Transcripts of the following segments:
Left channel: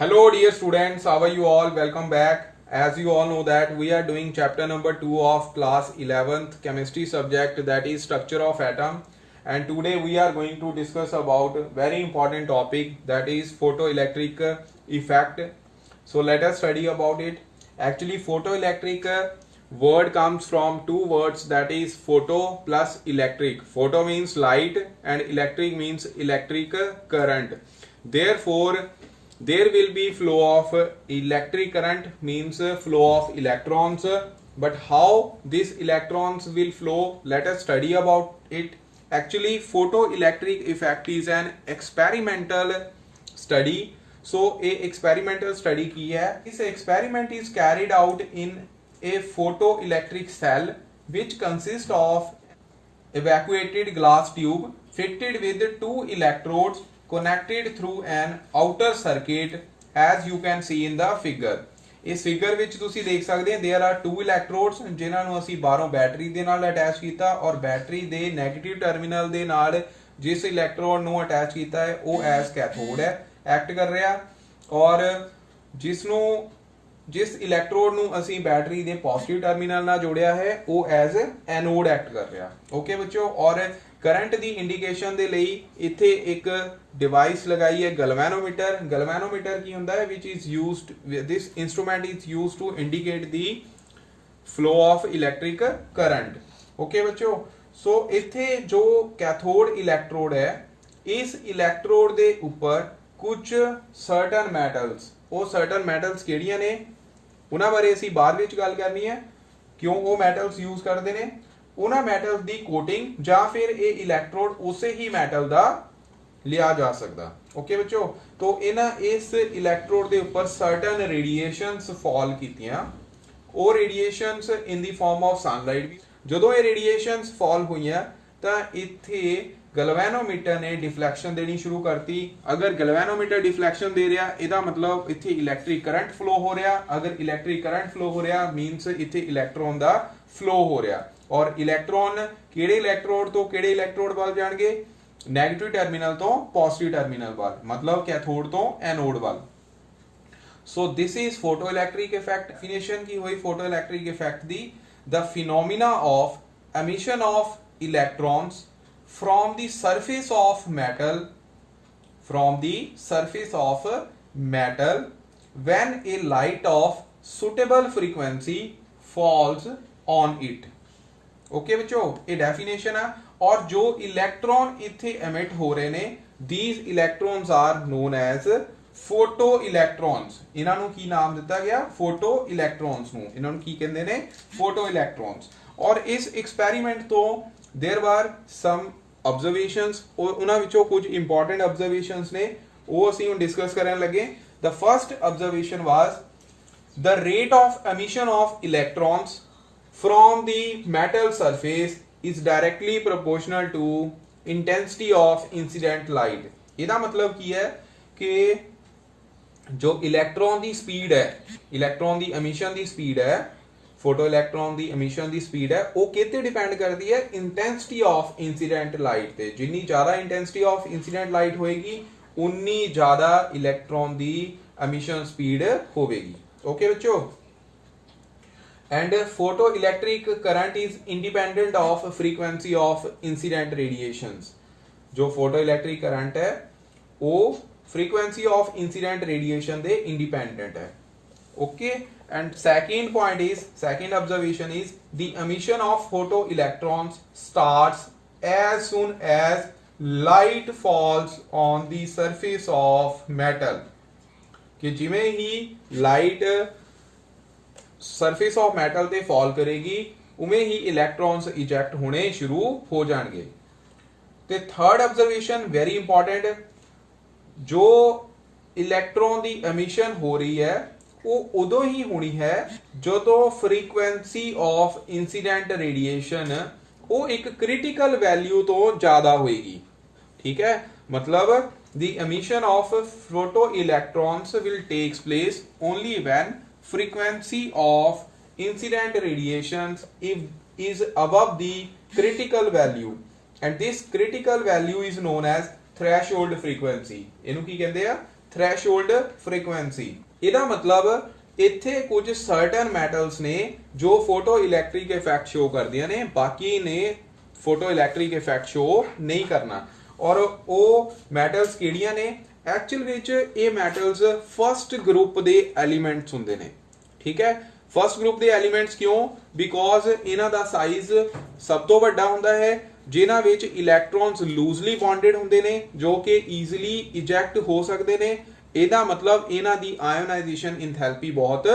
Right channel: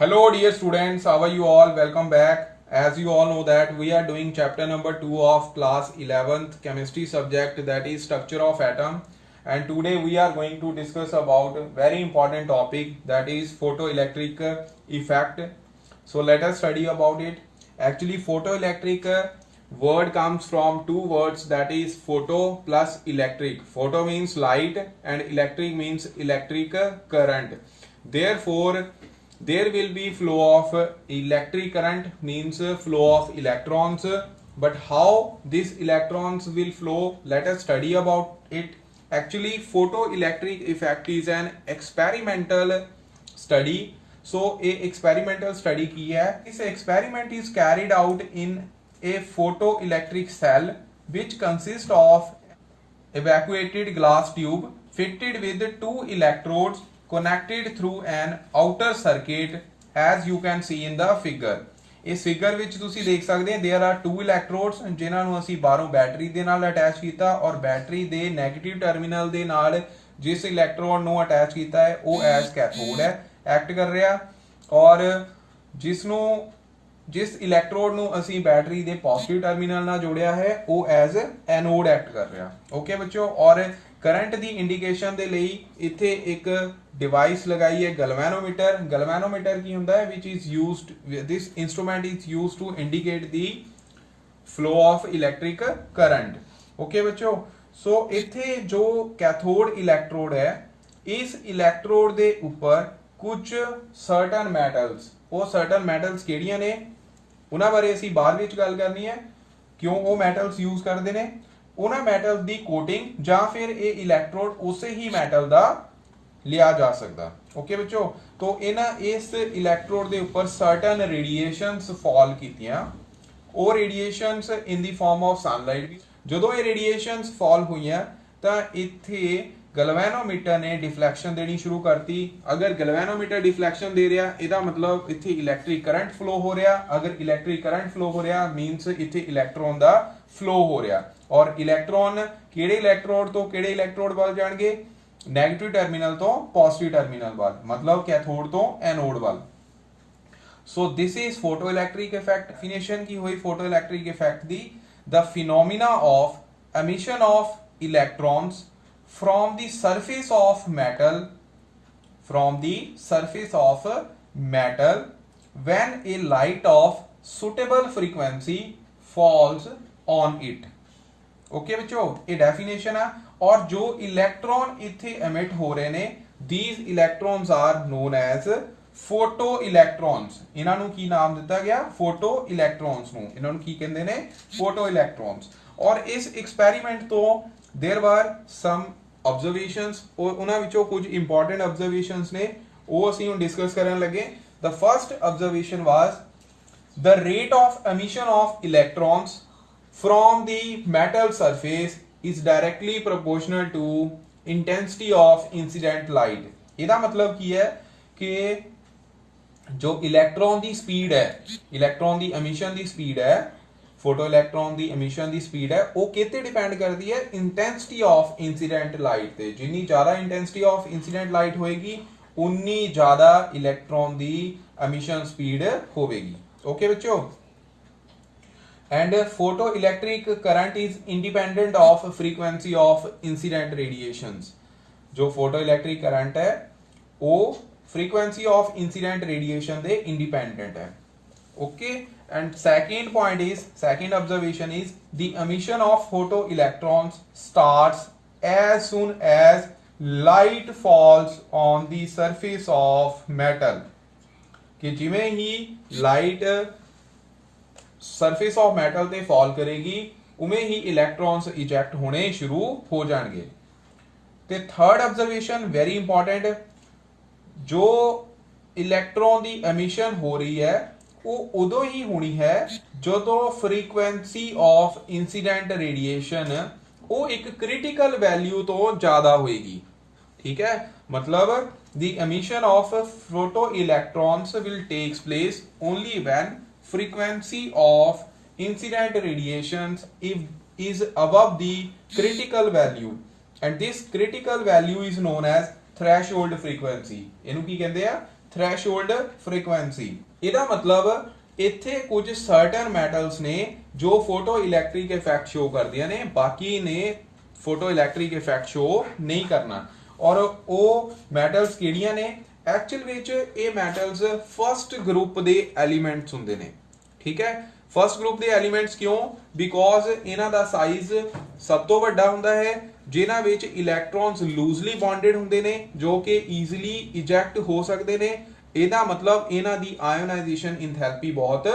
Hello dear students, how are you all? Welcome back. As you all know that we are doing chapter number 2 of class 11th chemistry subject, that is structure of atom, and today we are going to discuss about a very important topic, that is photoelectric effect. So let us study about it. Actually photoelectric word comes from two words, that is photo plus electric. Photo means light and electric means electric current. Therefore there will be flow of electric current, means flow of electrons, but how these electrons will flow, let us study about it. Actually photoelectric effect is an experimental study. So a experimental study की है. This experiment is carried out in a photoelectric cell which consists of evacuated glass tube fitted with two electrodes connected through an outer circuit, as you can see in the figure. ਇਸ figure ਵਿੱਚ ਤੁਸੀਂ ਦੇਖ ਸਕਦੇ ਹੋ there are two electrodes ਜਿਨ੍ਹਾਂ ਨੂੰ ਅਸੀਂ ਬਾਹਰੋਂ ਬੈਟਰੀ ਦੇ ਨਾਲ ਅਟੈਚ ਕੀਤਾ ਔਰ ਬੈਟਰੀ ਦੇ 네ਗੇਟਿਵ ਟਰਮੀਨਲ ਦੇ ਨਾਲ ਜਿਸ ਇਲੈਕਟ੍ਰੋਡ ਨੂੰ ਅਟੈਚ ਕੀਤਾ ਹੈ ਉਹ ਐਸ ਕੈਥੋਡ ਹੈ, ਐਕਟ ਕਰ ਰਿਹਾ, ਔਰ ਜਿਸ ਇਲੈਕਟ੍ਰੋਡ ਨੂੰ ਅਸੀਂ ਬੈਟਰੀ ਦੇ ਪੋਜ਼ਿਟਿਵ ਟਰਮੀਨਲ ਨਾਲ ਜੋੜਿਆ ਹੈ ਉਹ ਐਜ਼ ਐਨੋਡ ਐਕਟ ਕਰ ਰਿਹਾ. ਓਕੇ ਬੱਚੋ, ਔਰ ਕਰੰਟ ਦੀ ਇੰਡੀਕੇਸ਼ਨ ਦੇ ਲਈ ਇੱਥੇ ਇੱਕ ਡਿਵਾਈਸ ਲਗਾਈ ਹੈ ਗਲਵੈਨੋਮੀਟਰ. ਗਲਵੈਨੋਮੀਟਰ ਕੀ ਹੁੰਦਾ ਹੈ, which is used, this instrument is used to indicate the flow of electric current. Okay ਬੱਚੋ, ਸੋ ਇੱਥੇ ਜੋ ਕੈਥੋਡ ਇਲੈਕਟ੍ਰੋਡ ਹੈ, ਇਸ ਇਲੈਕਟ੍ਰੋਡ ਦੇ ਉੱਪਰ ਕੁਝ ਸਰਟਨ ਮੈਟਲਸ, ਉਹ ਸਰਟਨ ਮੈਟਲਸ ਕਿਹੜੀਆਂ ਨੇ ਉਹਨਾਂ ਬਾਰੇ ਅਸੀਂ ਬਾਅਦ ਵਿੱਚ ਗੱਲ ਕਰਨੀ ਹੈ, ਕਿਉਂ ਉਹ ਮੈਟਲਸ ਯੂਜ਼ ਕਰਦੇ ਨੇ, ਉਹਨਾਂ ਮੈਟਲ ਦੀ ਕੋਟਿੰਗ ਜਾਂ ਫਿਰ ਇਹ ਇਲੈਕਟ੍ਰੋਡ ਉਸੇ ਹੀ ਮੈਟਲ ਦਾ ਲਿਆ ਜਾ ਸਕਦਾ. ਓਕੇ ਬੱਚੋ, ਤੋਂ ਇਸ ਇਲੈਕਟ੍ਰੋਡ ਦੇ ਉੱਪਰ ਸਰਟਨ ਰੇਡੀਏਸ਼ਨਸ ਫਾਲ ਕੀਤੀਆਂ. ਉਹ radiations in the farm of sunlight. ਜਦੋਂ ਇਹ ਰੇਡੀਏਸ਼ਨਸ ਫਾਲ ਹੋਈਆਂ ਤਾਂ ਇੱਥੇ ਗਲਵੈਨੋਮੀਟਰ ਨੇ ਡਿਫਲੈਕਸ਼ਨ ਦੇਣੀ ਸ਼ੁਰੂ ਕਰਤੀ. ਅਗਰ ਗਲਵੈਨੋਮੀਟਰ ਡਿਫਲੈਕਸ਼ਨ ਦੇ ਰਿਹਾ ਇਹਦਾ ਮਤਲਬ ਇੱਥੇ ਇਲੈਕਟ੍ਰਿਕ ਕਰੰਟ ਫਲੋ ਹੋ ਰਿਹਾ. ਅਗਰ ਇਲੈਕਟ੍ਰਿਕ ਕਰੰਟ ਫਲੋ ਹੋ ਰਿਹਾ ਮੀਨਸ ਇੱਥੇ ਇਲੈਕਟ੍ਰੋਨ ਦਾ ਫਲੋ ਹੋ ਰਿਹਾ, ਔਰ ਇਲੈਕਟ੍ਰੋਨ ਕਿਹੜੇ ਇਲੈਕਟ੍ਰੋਡ ਤੋਂ ਕਿਹੜੇ ਇਲੈਕਟ੍ਰੋਡ ਵੱਲ ਜਾਣਗੇ, 네ਗੇਟਿਵ ਟਰਮੀਨਲ ਤੋਂ ਪੋਜ਼ਿਟਿਵ ਟਰਮੀਨਲ ਵੱਲ, ਮਤਲਬ ਕੈਥੋਡ ਤੋਂ ਐਨੋਡ ਵੱਲ. ਸੋ ਦਿਸ ਇਜ਼ ਫੋਟੋਇਲੈਕਟ੍ਰਿਕ ਇਫੈਕਟ. ਡੈਫੀਨੇਸ਼ਨ ਕੀ ਹੋਈ ਫੋਟੋਇਲੈਕਟ੍ਰਿਕ effect the, the phenomena of emission of electrons from the surface of metal when a light of suitable frequency falls on it. Okay बच्चों, ये definition है. और जो इलेक्ट्रॉन इथे एमिट हो रहे ने, these electrons are known as photo electrons. इन्हां नूं की नाम दिता गया, फोटो इलैक्ट्रॉन्स नूं. इन्हां नूं की कहंदे ने, फोटो इलैक्ट्रॉन्स. और इस एक्सपेरिमेंट तो देयर वर सम ऑब्जर्वेशंस, और उन्हां विचों कुछ इंपॉर्टेंट ऑब्जर्वेशंस ने वो ਅਸੀਂ ਹੁਣ डिस्कस ਕਰਨ ਲੱਗੇ. The first observation was the rate of emission of electrons from the metal surface is directly proportional to intensity of incident light. ਇਹਦਾ ਮਤਲਬ ਕੀ ਹੈ ਕਿ जो इलेक्ट्रॉन ਦੀ स्पीड है, इलेक्ट्रॉन ਦੀ एमिशन ਦੀ स्पीड है, फोटो इलेक्ट्रॉन ਦੀ एमिशन ਦੀ speed है, ਉਹ ਕਿਤੇ ਡਿਪੈਂਡ ਕਰਦੀ ਹੈ इंटेंसिटी ऑफ इंसिडेंट लाइट ਤੇ. ਜਿੰਨੀ ਜ਼ਿਆਦਾ इंटेंसिटी ऑफ इंसिडेंट लाइट ਹੋਏਗੀ ਉਨੀ ਜ਼ਿਆਦਾ इलेक्ट्रॉन ਦੀ एमिशन स्पीड ਹੋਵੇਗੀ. ओके बच्चों, and photoelectric current is independent of frequency of incident radiations. जो photoelectric current है वो frequency of incident radiation they independent है. Okay, and second observation is the emission of photoelectrons starts as soon as light falls on the surface of metal. कि जिमें ही light surface of metal ਤੇ fall ਕਰੇਗੀ ਉਵੇਂ ਹੀ ਇਲੈਕਟ੍ਰॉन्स eject ਹੋਣੇ ਸ਼ੁਰੂ ਹੋ ਜਾਣਗੇ. ਤੇ ਥਰਡ ਆਬਜ਼ਰਵੇਸ਼ਨ ਵੈਰੀ ਇੰਪੋਰਟੈਂਟ, ਜੋ ਇਲੈਕਟ੍ਰੋਨ ਦੀ ਐਮਿਸ਼ਨ ਹੋ ਰਹੀ ਹੈ ਉਹ ਉਦੋਂ ਹੀ ਹੋਣੀ ਹੈ ਜਦੋਂ ਫ੍ਰੀਕੁਐਂਸੀ ਆਫ ਇਨਸੀਡੈਂਟ ਰੇਡੀਏਸ਼ਨ ਉਹ ਇੱਕ ਕ੍ਰਿਟੀਕਲ ਵੈਲਿਊ ਤੋਂ ਜ਼ਿਆਦਾ ਹੋਏਗੀ. ਠੀਕ ਹੈ, ਮਤਲਬ the emission of photoelectrons will takes place only when frequency of incident radiations is above the critical value, and this critical value is known as threshold frequency. ਇਹਨੂੰ ਕੀ ਕਹਿੰਦੇ ਆ, ਥ੍ਰੈਸ਼ਹੋਲਡ ਫ੍ਰੀਕੁਐਂਸੀ। ਇਹਦਾ ਮਤਲਬ ਇੱਥੇ ਕੁਝ ਸਰਟਨ ਮੈਟਲਸ ਨੇ ਜੋ photo electric effect show ਕਰਦੀਆਂ ਨੇ, ਬਾਕੀ ਨੇ ਫੋਟੋ ਇਲੈਕਟ੍ਰਿਕ ਇਫੈਕਟ ਸ਼ੋ ਨਹੀਂ ਕਰਨਾ। ਔਰ ਉਹ ਮੈਟਲਸ ਕਿਹੜੀਆਂ ਨੇ? ਐਕਚੁਅਲ ਵਿੱਚ ਇਹ ਮੈਟਲਸ ਫਸਟ ਗਰੁੱਪ ਦੇ ਐਲੀਮੈਂਟਸ ਹੁੰਦੇ ਨੇ, ਠੀਕ ਹੈ। ਫਸਟ ਗਰੁੱਪ ਦੇ ਐਲੀਮੈਂਟਸ ਕਿਉਂ? ਬਿਕੋਜ਼ ਇਹਨਾਂ ਦਾ ਸਾਈਜ਼ ਸਭ ਤੋਂ ਵੱਡਾ ਹੁੰਦਾ ਹੈ, ਜਿਨ੍ਹਾਂ ਵਿੱਚ ਇਲੈਕਟ੍ਰੋਨਸ ਲੂਜ਼ਲੀ ਬੌਂਡਡ ਹੁੰਦੇ ਨੇ ਜੋ ਕਿ ਈਜ਼ੀਲੀ ਇਜੈਕਟ ਹੋ ਸਕਦੇ ਨੇ। ਇਹਦਾ ਮਤਲਬ ਇਹਨਾਂ ਦੀ ਆਇਓਨਾਈਜੇਸ਼ਨ ਇੰਥੈਲਪੀ ਬਹੁਤ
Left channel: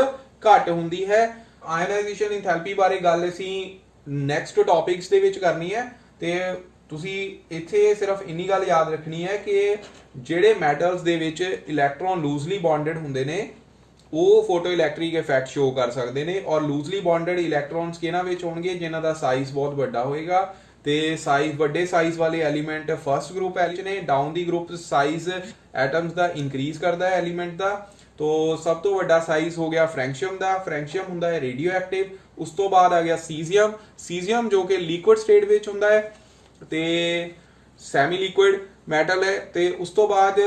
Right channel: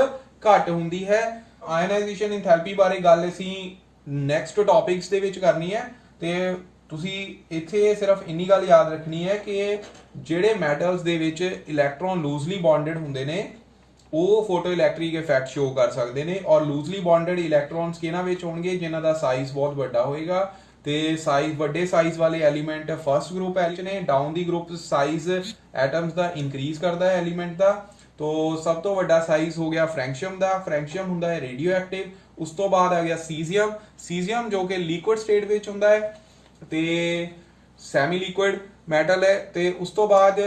ਘੱਟ ਹੁੰਦੀ ਹੈ। ਆਇਓਨਾਈਜੇਸ਼ਨ ਇੰਥੈਲਪੀ ਬਾਰੇ ਗੱਲ ਅਸੀਂ ਨੈਕਸਟ ਟੌਪਿਕਸ ਦੇ ਵਿੱਚ ਕਰਨੀ ਹੈ, ਤੇ ਤੁਸੀਂ ਇੱਥੇ ਸਿਰਫ ਇੰਨੀ ਗੱਲ ਯਾਦ ਰੱਖਣੀ ਹੈ ਕਿ ਜਿਹੜੇ ਮੈਟਲਸ ਦੇ ਵਿੱਚ ਇਲੈਕਟ੍ਰੋਨ ਲੂਜ਼ਲੀ ਬੌਂਡਡ ਹੁੰਦੇ ਨੇ ਉਹ ਫੋਟੋ ਇਲੈਕਟ੍ਰਿਕ ਇਫੈਕਟ ਸ਼ੋ ਕਰ ਸਕਦੇ ਨੇ, ਔਰ ਲੂਜ਼ਲੀ ਬੌਂਡਡ ਇਲੈਕਟ੍ਰੋਨਸ ਕਿਹਨਾਂ ਵਿੱਚ ਹੋਣਗੇ? ਜਿਨ੍ਹਾਂ ਦਾ ਸਾਈਜ਼ ਬਹੁਤ ਵੱਡਾ ਹੋਏਗਾ, ਤੇ ਸਾਈਜ਼ ਵੱਡੇ ਸਾਈਜ਼ ਵਾਲੇ ਐਲੀਮੈਂਟ ਫਸਟ ਗਰੁੱਪ ਐਚ ਨੇ। ਡਾਊਨ ਦੀ ਗਰੁੱਪ ਸਾਈਜ਼ ਐਟਮਸ ਦਾ ਇਨਕਰੀਜ਼ ਕਰਦਾ ਹੈ ਐਲੀਮੈਂਟ ਦਾ। तो सब तो ਵੱਡਾ ਸਾਈਜ਼ ਹੋ ਗਿਆ ਫ੍ਰੈਂਕਸ਼ੀਅਮ ਦਾ। ਫ੍ਰੈਂਕਸ਼ੀਅਮ ਹੁੰਦਾ ਹੈ ਰੇਡੀਓ ਐਕਟਿਵ। ਉਸ ਤੋਂ ਬਾਅਦ ਆ ਗਿਆ ਸੀਜ਼ੀਅਮ। ਸੀਜ਼ੀਅਮ ਜੋ ਕਿ ਲਿਕੁਇਡ ਸਟੇਟ ਵਿੱਚ ਹੁੰਦਾ ਹੈ ਤੇ ਸੈਮੀ ਲਿਕੁਇਡ ਮੈਟਲ ਹੈ। ਤੇ ਉਸ ਤੋਂ ਬਾਅਦ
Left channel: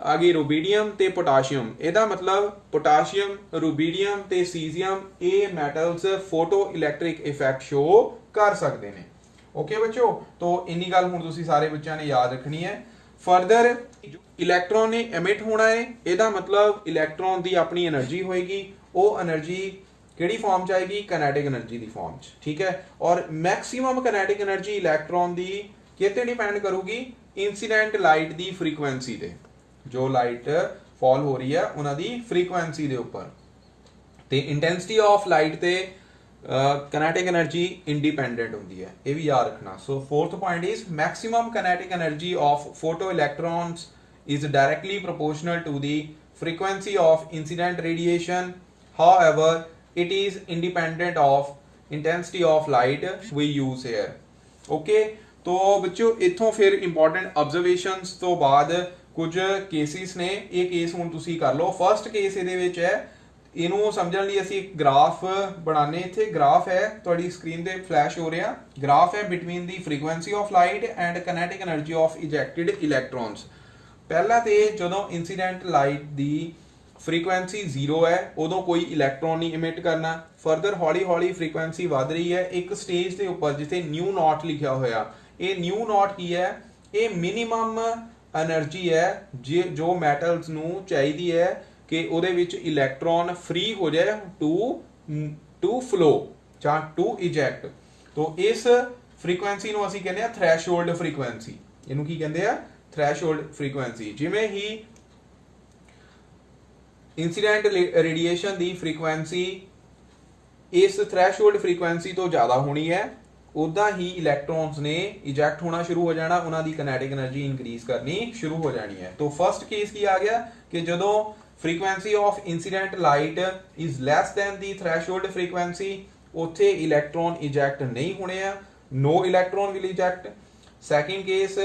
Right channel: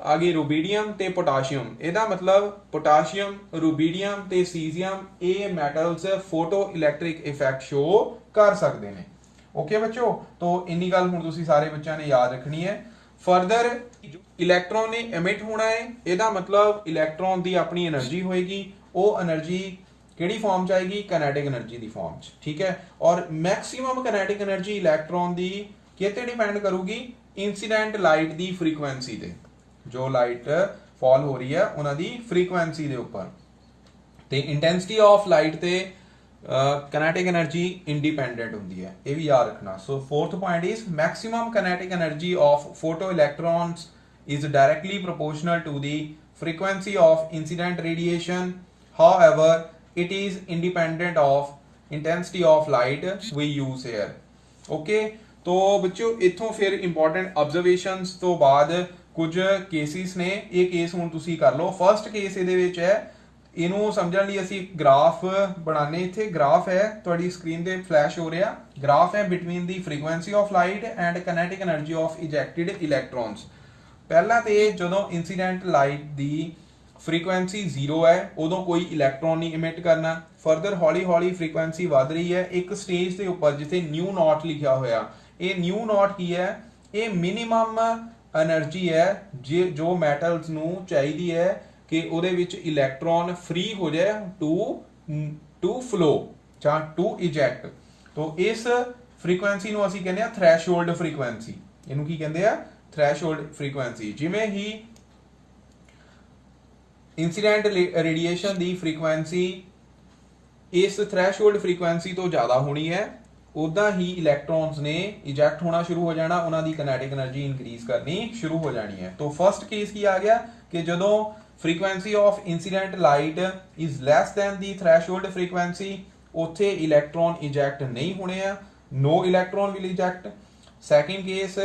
ਆ ਗਈ ਰੂਬੀਡੀਅਮ ਤੇ ਪੋਟਾਸ਼ੀਅਮ। ਇਹਦਾ ਮਤਲਬ ਪੋਟਾਸ਼ੀਅਮ, ਰੂਬੀਡੀਅਮ ਤੇ ਸੀਜ਼ੀਅਮ ਇਹ metals photo electric effect show ਕਰ ਸਕਦੇ ਨੇ। ओके बच्चों, तो इन्नी गल हुण तुसीं सारे बच्चों ने याद रखनी है। फर्दर इलैक्ट्रॉन ने एमिट होना है, ਇਹਦਾ मतलब इलैक्ट्रॉन ਦੀ ਆਪਣੀ એનર્ਜੀ ਹੋਏਗੀ। ਉਹ એનર્ਜੀ ਕਿਹੜੀ ਫਾਰਮ ਚ ਆਏਗੀ? ਕਾਈਨੈਟਿਕ એનર્ਜੀ ਦੀ ਫਾਰਮ ਚ, ਠੀਕ ਹੈ। ਔਰ ਮੈਕਸਿਮਮ ਕਾਈਨੈਟਿਕ એનર્ਜੀ ਇਲੈਕਟ੍ਰॉन ਦੀ ਕਿਤੇ ਡਿਪੈਂਡ ਕਰੂਗੀ? ਇਨਸੀਡੈਂਟ ਲਾਈਟ ਦੀ ਫ੍ਰੀਕੁਐਂਸੀ ਤੇ। ਜੋ ਲਾਈਟ ਫਾਲ ਹੋ ਰਹੀ ਹੈ ਉਹਨਾਂ ਦੀ ਫ੍ਰੀਕੁਐਂਸੀ ਦੇ ਉੱਪਰ, ਤੇ ਇੰਟੈਂਸਿਟੀ ਆਫ ਲਾਈਟ ਤੇ kinetic energy independent ਹੁੰਦੀ ਹੈ, ਇਹ ਵੀ ਯਾਦ ਰੱਖਣਾ। So fourth point is maximum kinetic energy of photoelectrons is directly proportional to the frequency of incident radiation. However, it is independent of intensity of light we use here. Okay, तो बच्चों इत्थों फिर important observations ਤੋਂ ਬਾਅਦ ਕੁਝ cases ਨੇ। ਇਹ case ਹੁਣ ਤੁਸੀਂ ਕਰ ਲਓ। First case ਇਹਦੇ ਵਿੱਚ ਹੈ, ਇਹਨੂੰ ਸਮਝਣ ਲਈ ਅਸੀਂ ਗ੍ਰਾਫ ਬਣਾਣੇ। ਇੱਥੇ ਗ੍ਰਾਫ ਹੈ, ਤੁਹਾਡੀ ਸਕਰੀਨ ਤੇ ਫਲੈਸ਼ ਹੋ ਰਿਹਾ ਗ੍ਰਾਫ ਹੈ between the frequency of light and kinetic energy of ejected electrons. ਪਹਿਲਾਂ ਤੇ ਜਦੋਂ ਇਨਸੀਡੈਂਟ ਲਾਈਟ ਦੀ ਫ੍ਰੀਕੁਐਂਸੀ 0 ਹੈ ਉਦੋਂ ਕੋਈ ਇਲੈਕਟ੍ਰੋਨ ਨਹੀਂ ਇਮਿਟ ਕਰਨਾ। ਫਰਦਰ ਹੌਲੀ ਹੌਲੀ ਫ੍ਰੀਕੁਐਂਸੀ ਵੱਧ ਰਹੀ ਹੈ। ਇੱਕ ਸਟੇਜ ਦੇ ਉੱਪਰ ਜਿੱਥੇ ਨਿਊ ਨੋਟ ਲਿਖਿਆ ਹੋਇਆ, ਇਹ ਨਿਊ ਨੋਟ ਕੀ ਹੈ? ਇਹ ਮਿਨੀਮਮ એનર્ਜੀ ਹੈ ਜੋ ਮੈਟਲਸ ਨੂੰ ਚਾਹੀਦੀ ਹੈ ਕਿ ਉਹਦੇ ਵਿੱਚ ਇਲੈਕਟ੍ਰੋਨ ਫ੍ਰੀ ਹੋ ਜਾਏ ਟੂ ਫਲੋ ਜਾਂ ਟੂ ਇਜੈਕਟ। तो ਇਸ ਫ੍ਰੀਕੁਐਂਸੀ ਨੂੰ ਅਸੀਂ ਕਹਿੰਦੇ ਆ ਥ੍ਰੈਸ਼ਹੋਲਡ ਫ੍ਰੀਕੁਐਂਸੀ। ਇਹਨੂੰ ਕੀ ਕਹਿੰਦੇ ਆ? Threshold frequency. ਜਿਵੇਂ ਹੀ ਇਨਸੀਡੈਂਟ ਰੇਡੀਏਸ਼ਨ ਦੀ ਫ੍ਰੀਕੁਐਂਸੀ ਇਸ ਥ੍ਰੈਸ਼ਹੋਲਡ ਫ੍ਰੀਕੁਐਂਸੀ ਤੋਂ ਜ਼ਿਆਦਾ ਹੋਣੀ ਹੈ, ਉਦਾਂ ਹੀ ਇਲੈਕਟ੍ਰੋਨਸ ਨੇ ਇਜੈਕਟ ਹੋਣਾ ਸ਼ੁਰੂ ਹੋ ਜਾਣਾ, ਉਹਨਾਂ ਦੀ ਕਾਈਨੈਟਿਕ એનર્ਜੀ ਇਨਕਰੀਜ਼ ਕਰਨੀ ਸ਼ੁਰੂ ਹੋ ਜਾਣੀ ਹੈ। तो ਫਰਸਟ ਕੇਸ ਕੀ ਆ ਗਿਆ ਕਿ ਜਦੋਂ frequency of incident light is less than the threshold frequency, ਉੱਥੇ ਇਲੈਕਟ੍ਰੋਨ ਇਜੈਕਟ ਨਹੀਂ ਹੋਣੇ ਆ, no electron will eject. Second case,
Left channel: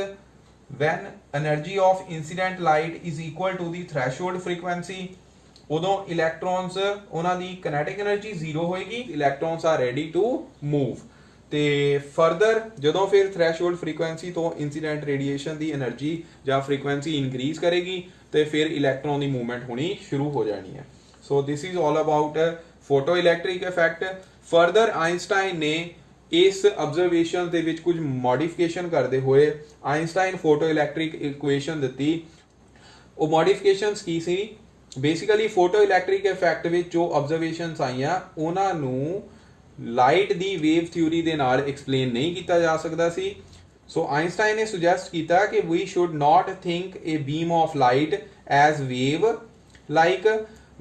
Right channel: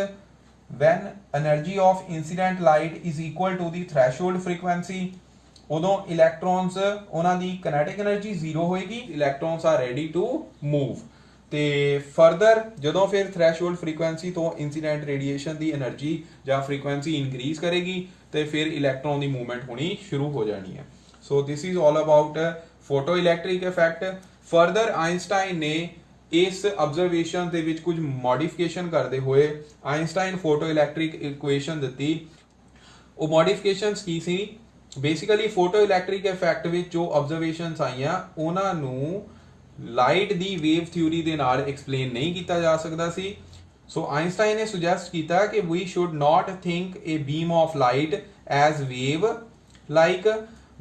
when energy of incident light is equal to the threshold frequency, ਉਦੋਂ electrons ਉਹਨਾਂ ਦੀ kinetic energy 0 ਹੋਏਗੀ, electrons are ready to move. ਤੇ further ਜਦੋਂ ਫਿਰ ਥ੍ਰੈਸ਼ਹੋਲਡ ਫ੍ਰੀਕੁਐਂਸੀ ਤੋਂ ਇਨਸੀਡੈਂਟ ਰੇਡੀਏਸ਼ਨ ਦੀ એનર્ਜੀ ਜਾਂ frequency increase ਕਰੇਗੀ ਤੇ ਫਿਰ ਇਲੈਕਟ੍ਰੋਨ ਦੀ ਮੂਵਮੈਂਟ ਹੋਣੀ ਸ਼ੁਰੂ ਹੋ ਜਾਣੀ ਹੈ। So this is all about photo electric effect. Further Einstein ਨੇ ਇਸ ਆਬਜ਼ਰਵੇਸ਼ਨ ਦੇ ਵਿੱਚ ਕੁਝ ਮੋਡੀਫਿਕੇਸ਼ਨ ਕਰਦੇ ਹੋਏ ਆਇਨਸਟਾਈਨ ਫੋਟੋ ਇਲੈਕਟ੍ਰਿਕ ਇਕੁਏਸ਼ਨ ਦਿੱਤੀ। ਉਹ ਮੋਡੀਫਿਕੇਸ਼ਨਸ ਕੀ ਸੀ? ਬੇਸਿਕਲੀ ਫੋਟੋ ਇਲੈਕਟ੍ਰਿਕ ਇਫੈਕਟ ਵਿੱਚ ਜੋ ਆਬਜ਼ਰਵੇਸ਼ਨਸ ਆਈਆਂ ਉਹਨਾਂ ਨੂੰ ਲਾਈਟ ਦੀ ਵੇਵ ਥਿਊਰੀ ਦੇ ਨਾਲ ਐਕਸਪਲੇਨ ਨਹੀਂ ਕੀਤਾ ਜਾ ਸਕਦਾ ਸੀ। ਸੋ ਆਇਨਸਟਾਈਨ ਨੇ ਸੁਜੈਸਟ ਕੀਤਾ ਕਿ we should not think a beam of light as wave like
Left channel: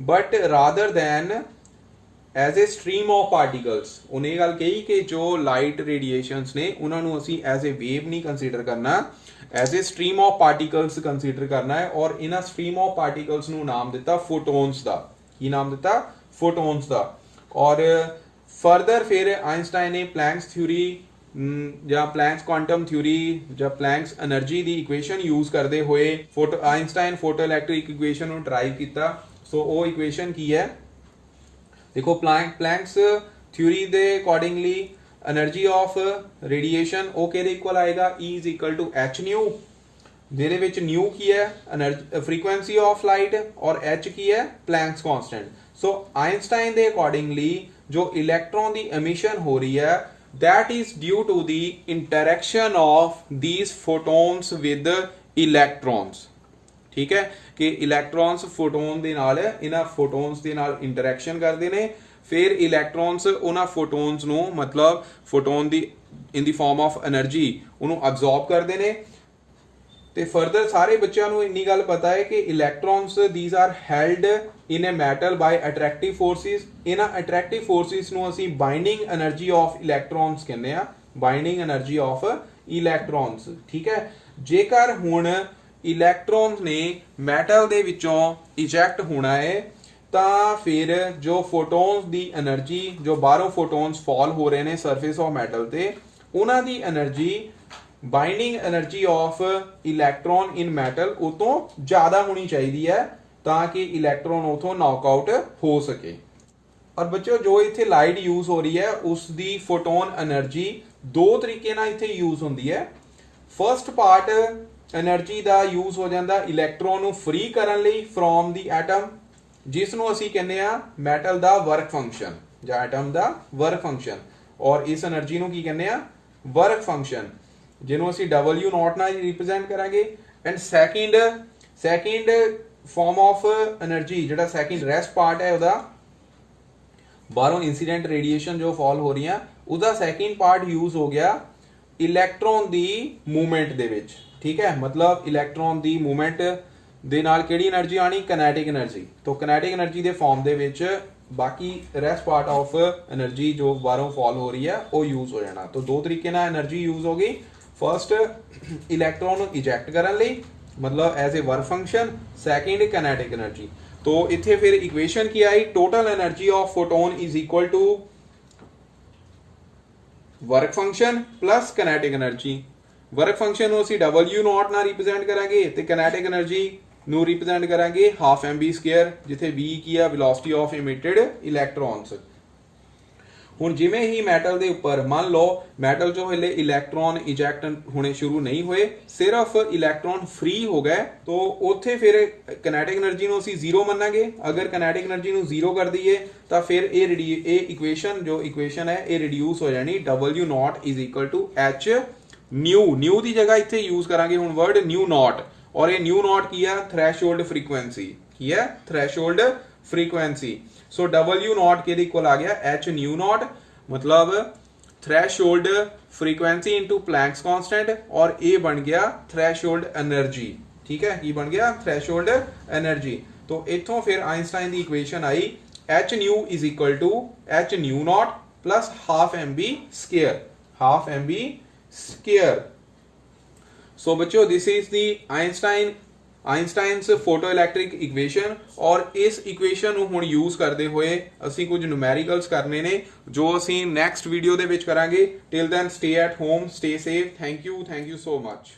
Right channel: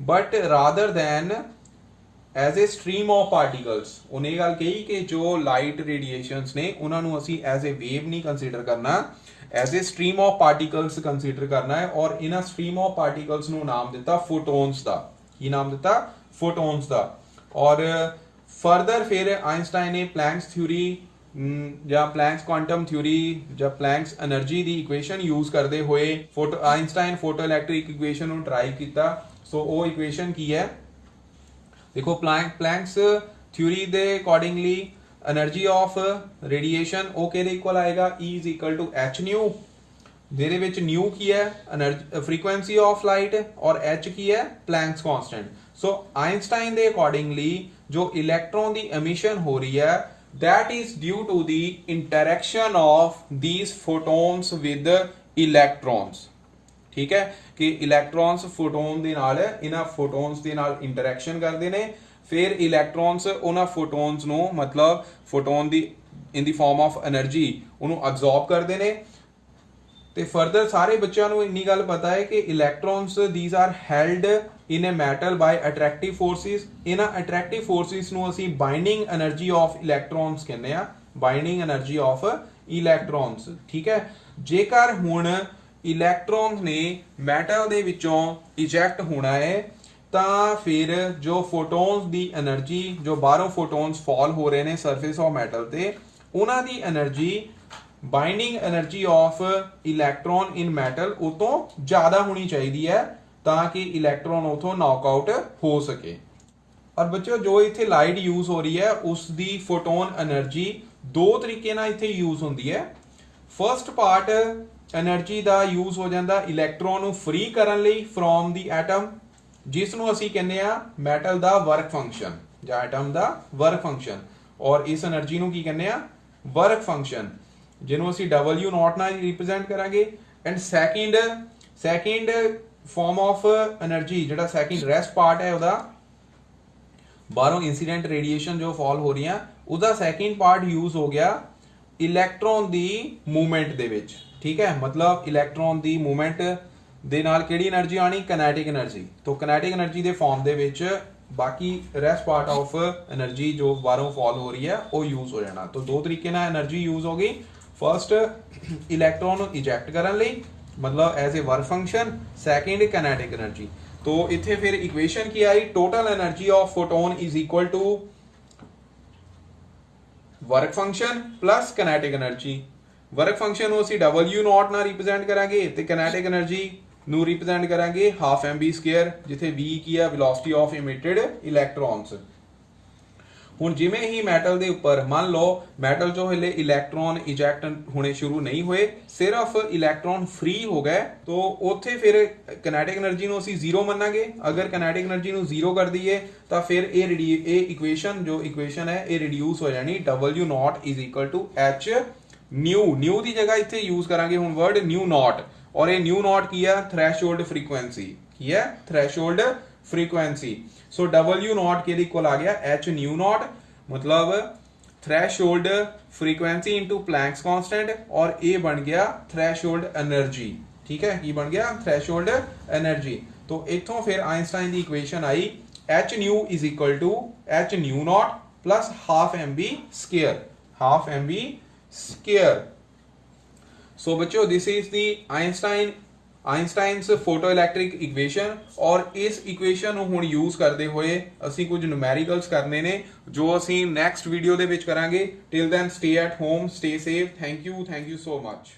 but rather than as a stream of particles. ਉਹਨੇ ਇਹ ਗੱਲ ਕਹੀ ਕਿ ਜੋ ਲਾਈਟ ਰੇਡੀਏਸ਼ਨਸ ਨੇ ਉਹਨਾਂ ਨੂੰ ਅਸੀਂ ਐਜ਼ ਏ ਵੇਵ ਨਹੀਂ ਕੰਸੀਡਰ ਕਰਨਾ, as a stream of particles consider ਕਰਨਾ ਹੈ। ਔਰ ਇਹਨਾਂ ਸਟ੍ਰੀਮ ਆਫ ਪਾਰਟੀਕਲਸ ਨੂੰ ਨਾਮ ਦਿੱਤਾ ਫੋਟੋਨਸ ਦਾ। ਕੀ ਨਾਮ ਦਿੱਤਾ? ਫੋਟੋਨਸ ਦਾ। ਔਰ ਫਰਦਰ ਫਿਰ ਆਇਨਸਟਾਈਨ ਨੇ ਪਲੈਂਕਸ ਥਿਊਰੀ ਜਾਂ ਪਲੈਂਕਸ ਕੁਆਂਟਮ ਥਿਊਰੀ ਜਾਂ ਪਲੈਂਕਸ એનર્ਜੀ ਦੀ ਇਕੁਏਸ਼ਨ ਯੂਜ਼ ਕਰਦੇ ਹੋਏ ਆਇਨਸਟਾਈਨ ਫੋਟੋ ਇਲੈਕਟ੍ਰਿਕ ਇਕੁਏਸ਼ਨ ਨੂੰ ਡਰਾਈਵ ਕੀਤਾ। ਸੋ ਉਹ ਇਕੁਏਸ਼ਨ ਕੀ ਹੈ? ਦੇਖੋ, ਪਲੈਂਕਸ ਥਿਊਰੀ ਦੇ ਅਕੋਰਡਿੰਗਲੀ એનર્ਜੀ ਆਫ ਰੇਡੀਏਸ਼ਨ ਉਹ ਕਿਹਦੇ ਇਕੁਅਲ ਆਏਗਾ? E is equal to h nu ਜਿਹਦੇ ਵਿੱਚ ਨਿਊ ਕੀ ਹੈ એનર્ਜੀ ਫ੍ਰੀਕੁਐਂਸੀ ਆਫ ਲਾਈਟ ਔਰ h ਕੀ ਹੈ प्लैंक्स कांस्टेंट। सो आइंस्टाइन ਦੇ ਅਕੋਰਡਿੰਗਲੀ जो इलेक्ट्रॉन की एमिशन हो रही है that is due to the interaction of these photons with electrons। ठीक है कि इलेक्ट्रॉन्स फोटोन ਦੇ ਨਾਲ ਇਹਨਾਂ ਫੋਟੋਨਸ ਦੇ ਨਾਲ ਇੰਟਰੈਕਸ਼ਨ ਕਰਦੇ ਨੇ, ਫਿਰ ਇਲੈਕਟ੍ਰॉन्स ਉਹਨਾਂ ਫੋਟੋਨਸ ਨੂੰ ਮਤਲਬ photon the in the farm of energy ਉਹਨੂੰ ਅਬਜ਼ੌਰਬ ਕਰਦੇ ਨੇ। ਤੇ ਫਰਦਰ ਸਾਰੇ ਬੱਚਿਆਂ ਨੂੰ ਇੰਨੀ ਗੱਲ ਪਤਾ ਹੈ ਕਿ ਇਲੈਕਟ੍ਰॉन्स these are held in a metal by attractive forces। ਇਹਨਾਂ attractive forces ਨੂੰ ਅਸੀਂ ਬਾਈਂਡਿੰਗ એનર્ਜੀ ਆਫ ਇਲੈਕਟ੍ਰॉन्स ਕਹਿੰਦੇ ਆ, ਬਾਈਂਡਿੰਗ એનર્ਜੀ ਆਫ ਇਲੈਕਟ੍ਰॉन्स। ਠੀਕ ਹੈ, ਜੇਕਰ ਹੁਣ ਇਲੈਕਟ੍ਰॉन्स ਨੇ ਮੈਟਲ ਦੇ ਵਿੱਚੋਂ ਇਜੈਕਟ ਹੋਣਾ ਹੈ ਤਾਂ ਫਿਰ ਜੋ ਫੋਟੋਨਸ ਦੀ એનર્ਜੀ ਜੋ ਬਾਹਰੋਂ ਫੋਟੋਨਸ ਫਾਲ ਹੋ ਰਹੇ ਨੇ ਸਰਫੇਸ ਆਫ ਮੈਟਲ ਤੇ ਉਹਨਾਂ ਦੀ energy binding energy of electron in metal ਉਹ ਤੋਂ ਜ਼ਿਆਦਾ ਹੋਣੀ ਚਾਹੀਦੀ ਹੈ ਤਾਂ ਕਿ ਇਲੈਕਟ੍ਰॉन ਉਥੋਂ ਨੌਕਆਊਟ ਹੋ ਸਕੇ। ਔਰ ਬੱਚਿਓ ਜੋ ਇੱਥੇ ਲਾਈਟ ਯੂਜ਼ ਹੋ ਰਹੀ ਹੈ ਉਸ ਦੀ ਫੋਟੋਨ એનર્ਜੀ ਦੋ ਤਰੀਕੇ ਨਾਲ ਇੱਥੇ ਯੂਜ਼ ਹੁੰਦੀ ਹੈ। ਫਰਸਟ ਪਾਰਟ એનર્ਜੀ ਦਾ ਯੂਜ਼ ਹੋ ਜਾਂਦਾ ਇਲੈਕਟ੍ਰॉन ਨੂੰ ਫ੍ਰੀ ਕਰਨ ਲਈ ਫਰੋਮ ਦੀ ਐਟਮ, ਜਿਸ ਨੂੰ ਅਸੀਂ ਕਹਿੰਦੇ ਆ ਮੈਟਲ ਦਾ ਵਰਕ ਫੰਕਸ਼ਨ ਜਾਂ ਐਟਮ ਦਾ ਵਰਕ ਫੰਕਸ਼ਨ, ਔਰ ਇਸ એનર્ਜੀ ਨੂੰ ਕੀ ਕਹਿੰਦੇ ਆ ਵਰਕ ਫੰਕਸ਼ਨ, ਜਿਹਨੂੰ ਅਸੀਂ W0 ਨਾਲ ਰਿਪਰੈਜ਼ੈਂਟ ਕਰਾਂਗੇ। And second farm of energy ਜਿਹੜਾ ਸੈਕਿੰਡ ਰੈਸਟ ਪਾਰਟ ਹੈ ਉਹਦਾ ਬਾਹਰੋਂ ਇਨਸੀਡੈਂਟ ਰੇਡੀਏਸ਼ਨ ਜੋ ਫਾਲ ਹੋ ਰਹੀਆਂ ਉਹਦਾ ਸੈਕਿੰਡ ਪਾਰਟ ਯੂਜ਼ ਹੋ ਗਿਆ ਇਲੈਕਟ੍ਰॉन ਦੀ ਮੂਵਮੈਂਟ ਦੇ ਵਿੱਚ। ਠੀਕ ਹੈ, ਮਤਲਬ ਇਲੈਕਟ੍ਰॉन ਦੀ ਮੂਵਮੈਂਟ ਦੇ ਨਾਲ ਕਿਹੜੀ એનર્ਜੀ ਆਣੀ ਕਿਨੈਟਿਕ એનર્ਜੀ। ਤੋਂ ਕਿਨੈਟਿਕ એનર્ਜੀ ਦੇ ਫਾਰਮ ਦੇ ਵਿੱਚ ਬਾਕੀ ਰੈਸਟ ਪਾਰਟ ਆਫ એનર્ਜੀ ਜੋ ਬਾਹਰੋਂ ਫਾਲ ਹੋ ਰਹੀ ਹੈ ਉਹ ਯੂਜ਼ ਹੋ ਜਾਣਾ। ਤੋਂ ਦੋ ਤਰੀਕੇ ਨਾਲ એનર્ਜੀ ਯੂਜ਼ ਹੋ ਗਈ, ਫਰਸਟ ਇਲੈਕਟ੍ਰॉन ਨੂੰ ਇਜੈਕਟ ਕਰਨ ਲਈ मतलब as a work function, second kinetic energy. तो इथे फिर इक्वेशन की आई total energy of photon is equal to work function plus kinetic energy. Work function ਨੂੰ ਅਸੀਂ W0 ਨਾਲ ਰਿਪਰੈਜ਼ੈਂਟ ਕਰਾਂਗੇ ਤੇ ਕਾਈਨੈਟਿਕ એનર્ਜੀ ਨੂੰ ਰਿਪਰੈਜ਼ੈਂਟ ਕਰਾਂਗੇ ਹਾਫ mv², ਜਿੱਥੇ v ਕੀ ਆ ਵੈਲੋਸਿਟੀ ਆਫ ਇਮਿਟਡ ਇਲੈਕਟ੍ਰॉन्स। ਹੁਣ ਜਿਵੇਂ ਹੀ ਮੈਟਲ ਦੇ ਉੱਪਰ ਮੰਨ ਲਓ ਮੈਟਲ ਚੋਂ ਹਲੇ ਇਲੈਕਟ੍ਰॉन ਇਜੈਕਟ ਹੋਣੇ ਸ਼ੁਰੂ ਨਹੀਂ ਹੋਏ, ਸਿਰਫ ਇਲੈਕਟ੍ਰॉन ਫ੍ਰੀ ਹੋ ਗਏ, तो ਉੱਥੇ ਫਿਰ ਕਾਈਨੈਟਿਕ એનર્ਜੀ ਨੂੰ ਅਸੀਂ 0 ਮੰਨਾਂਗੇ। ਅਗਰ ਕਾਈਨੈਟਿਕ એનર્ਜੀ ਨੂੰ 0 ਕਰ ਦਈਏ ਤਾਂ ਫਿਰ ਇਹ ਇਕੁਏਸ਼ਨ ਜੋ ਇਕੁਏਸ਼ਨ ਹੈ ਇਹ ਰਿਡਿਊਸ ਹੋ ਜਾਣੀ W0 h ਨਿਊ ਦੀ ਜਗ੍ਹਾ ਇੱਥੇ ਯੂਜ਼ ਕਰਾਂਗੇ ਹੁਣ ਵਰਡ ਨਿਊ ਨੋਟ, ਔਰ ਇਹ ਨਿਊ ਨੋਟ ਕੀ ਹੈ ਥ੍ਰੈਸ਼ਹੋਲਡ ਫ੍ਰੀਕੁਐਂਸੀ। ਕੀ ਹੈ ਥ੍ਰੈਸ਼ਹੋਲਡ फ्रीक्वेंसी। सो W0 के इक्वल आ गया h न्यू नॉट, मतलब threshold frequency into Planck's constant, और A बन गया थ्रेशोल्ड एनर्जी। ठीक है, ये बन गया थ्रेशोल्ड एनर्जी। तो इथों फिर आइंस्टाइन की इक्वेशन आई h nu is equal to h nu naught plus half mv square. So बच्चों this is the Einstein's photo electric equation, ਔਰ ਇਸ ਇਕੁਏਸ਼ਨ ਨੂੰ ਹੁਣ ਯੂਜ਼ ਕਰਦੇ ਹੋਏ ਅਸੀਂ ਕੁਝ ਨਿਊਮੈਰੀਕਲਸ ਕਰਨੇ ਨੇ ਜੋ ਅਸੀਂ ਨੈਕਸਟ ਵੀਡੀਓ ਦੇ ਵਿੱਚ ਕਰਾਂਗੇ। Till then stay at home, stay safe. Thank you so much.